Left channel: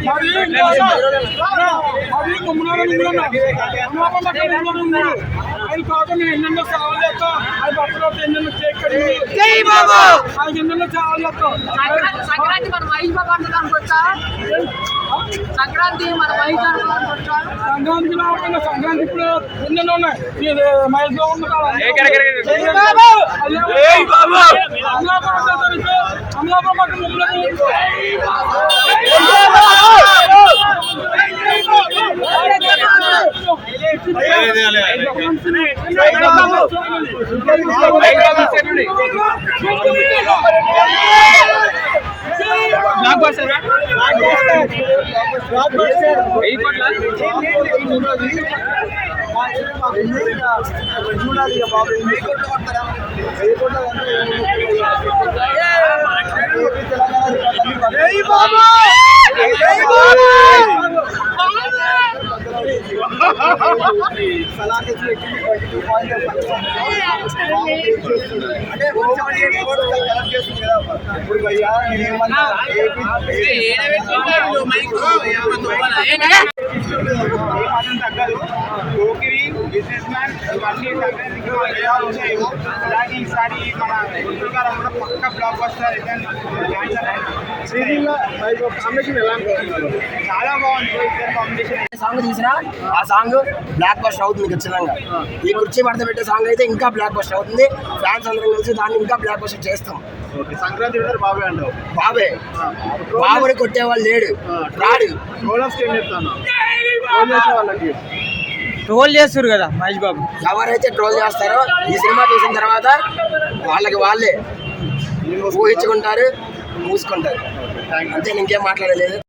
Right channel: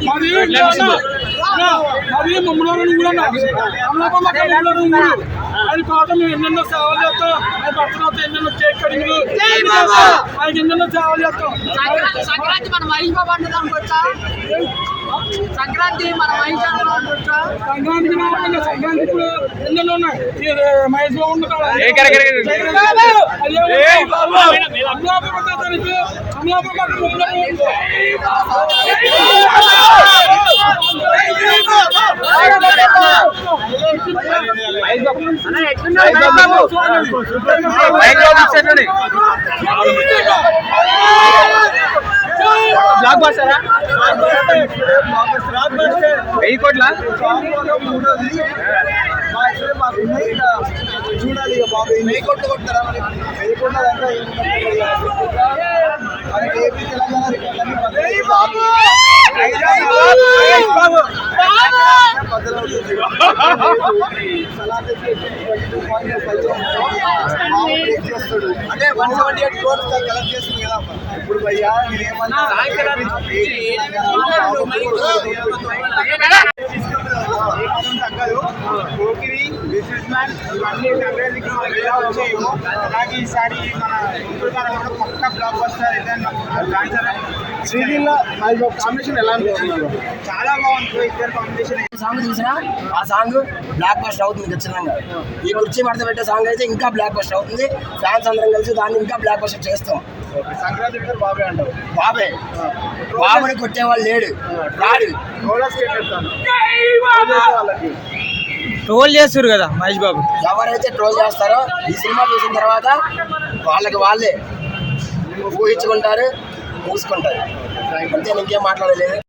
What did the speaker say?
అన్న, మాది ముమ్మలోనే కూడా అమలాపం అక్కడ ముమ్మలోనే ఉన్నాడు ఆయన కోసం మేము ఎన్నెన్నో సేవలు చేస్తాం. ఆయన భర్తలతో ఎన్నెన్నో కేక్ కడిగి ఆయన ఎన్నెన్నో సేవలు చేస్తాం. సంక్రాంతి సంక్రాంతి మన సంక్రాంతి మన వచ్చా? సంక్రాంతికి రాకుండా సంక్రాంతి ఇప్పుడు ఎన్నెన్నో ఉన్నాయి. మహేష్ బాబు. అదే అమలాపురం అమలాపురం అక్కడ బ్లాక్ బస్టరా వెయ్యి కోట్ల చూడాలి ఇక బాబు వెయ్యి కోట్లు కొడతారా వెయ్యి కోట్ల దాంట్లో ఏపీ తెలంగాణ ఇప్పుడు భయ్యా నేనేమన్నా తగ్గదు బిజినెస్ మ్యాన్ ఇవన్నీ సంక్రాంతికి ఎలా వచ్చాయో అలాగే ఈసారి మన గుంటూరు గారు కూడా పక్క బ్లాక్ బస్టర్ ఏదైనా లాంచర్ శ్రీలీల చాలా బాగుంది ఇద్దరు కాంబినేషన్ సాంగ్ తీసినా ఆ సాంగ్ బ్లాక్ బస్టర్ అవుతుంది ఖచ్చితంగా. ఈ కుర్చీ మడత పెట్టే సాంగ్ అయితే ఇంకా బ్లాక్ బస్టర్ అవుతుంది. ఫ్యాన్స్ అందరం కలిసి దాన్ని ఇంకా బ్లాక్ బస్టర్ చేస్తాం. ఓకే సంక్రాంతి బాబే అంటావు. బాబే. బాబుని కొట్టేవాళ్ళు లేడు. రాడు. వాళ్ళకి. ట్రోల్ చేస్తారు కదా మహేష్ బాబు. ఎవరైతే ట్రోల్ చేస్తారో ఈ సినిమా చూసిన తర్వాత వాళ్ళకి వాళ్ళే ఊహించుకుంటారు. మూసుకుంటారు. అంతే ఇంకేం మాట్లాడలేదు.